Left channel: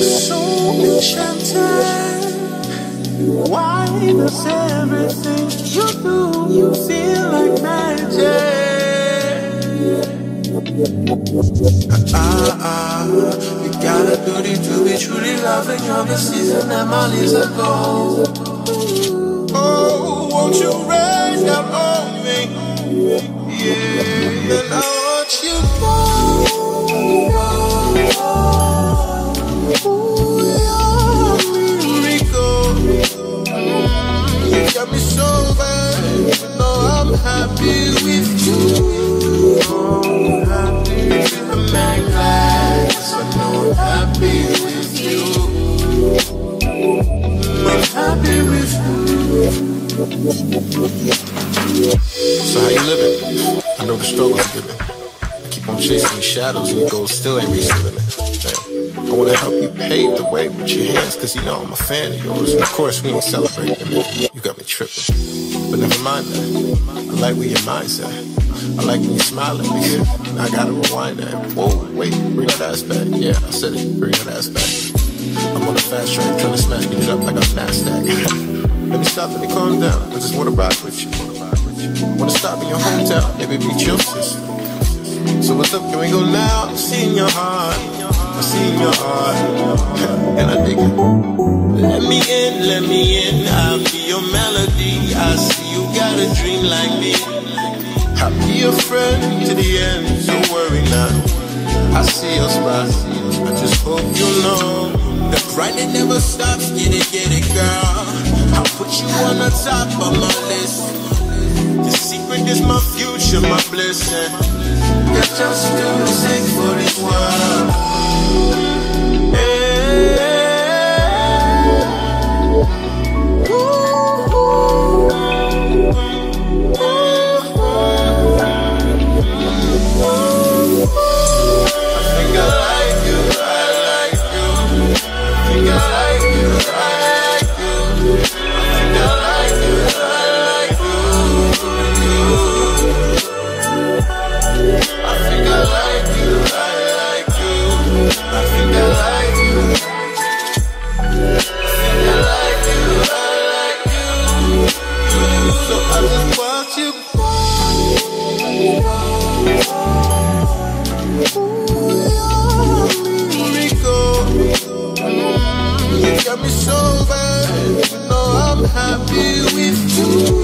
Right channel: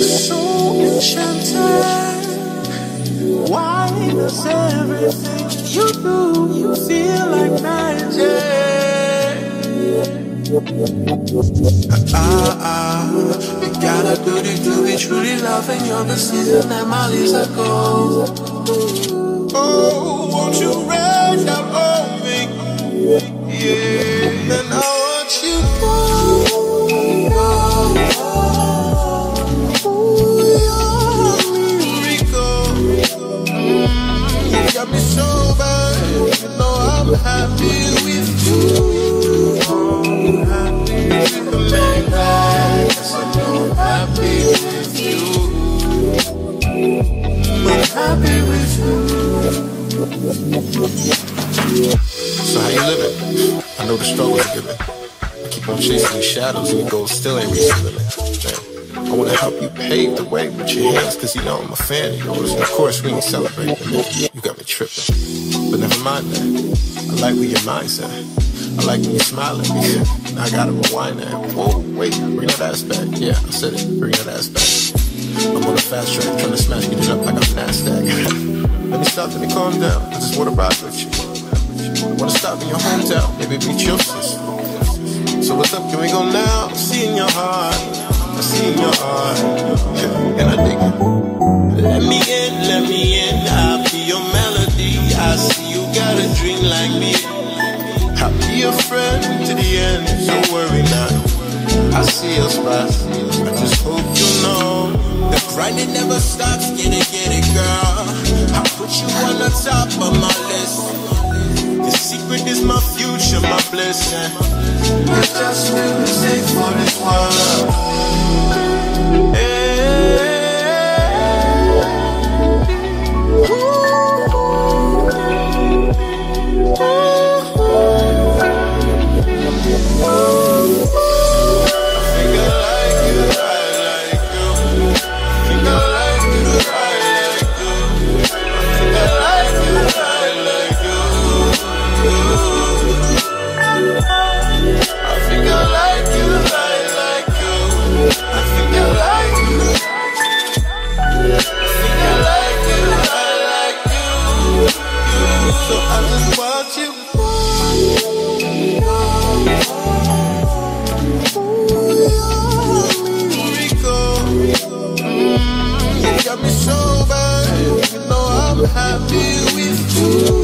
So enchanted. Why does everything you do feel like magic? You got a duty to be truly loving. You're the season that my leaves are gold. Oh, won't you rain down on me? Yeah, then I want you go. Got me so bad, you know I'm happy with you. I'm happy with the man glad, 'cause I know I'm happy with you. I'm happy with you. So how you living? I know the struggles are giving. I keep on chasing these shadows and your goals still ain't reaching the limit. Damn. I wanna help you pave the way with your hands, 'cause you know I'm a fan of yours. And of course we ain't celebrating, man. You got me tripping. But never mind that. I like where your mind's at. I like when you smile at me. Now I gotta rewind that. Whoa, wait, bring that ass back. Yeah, I said it, bring that ass back. I'm on the fast track, trying to smash it up like I'm NASDAQ. Let me stop, let me calm down. I just wanna ride with you. I wanna stop in your hometown, maybe meet your sister. So what's up, can we go now? I see in your heart, I see in your heart, and I dig it. Let me in, I'll be your melody. I see you got a dream like me. I'll be your friend to the end, so worry not. I see your spot, I just hope you know the grinding never stops, get it, girl. I'll put you on the top of my list. Your secret is my future, my blessing. You're just music for this world. You go. Rico. You got me so bad, you know I'm happy with you.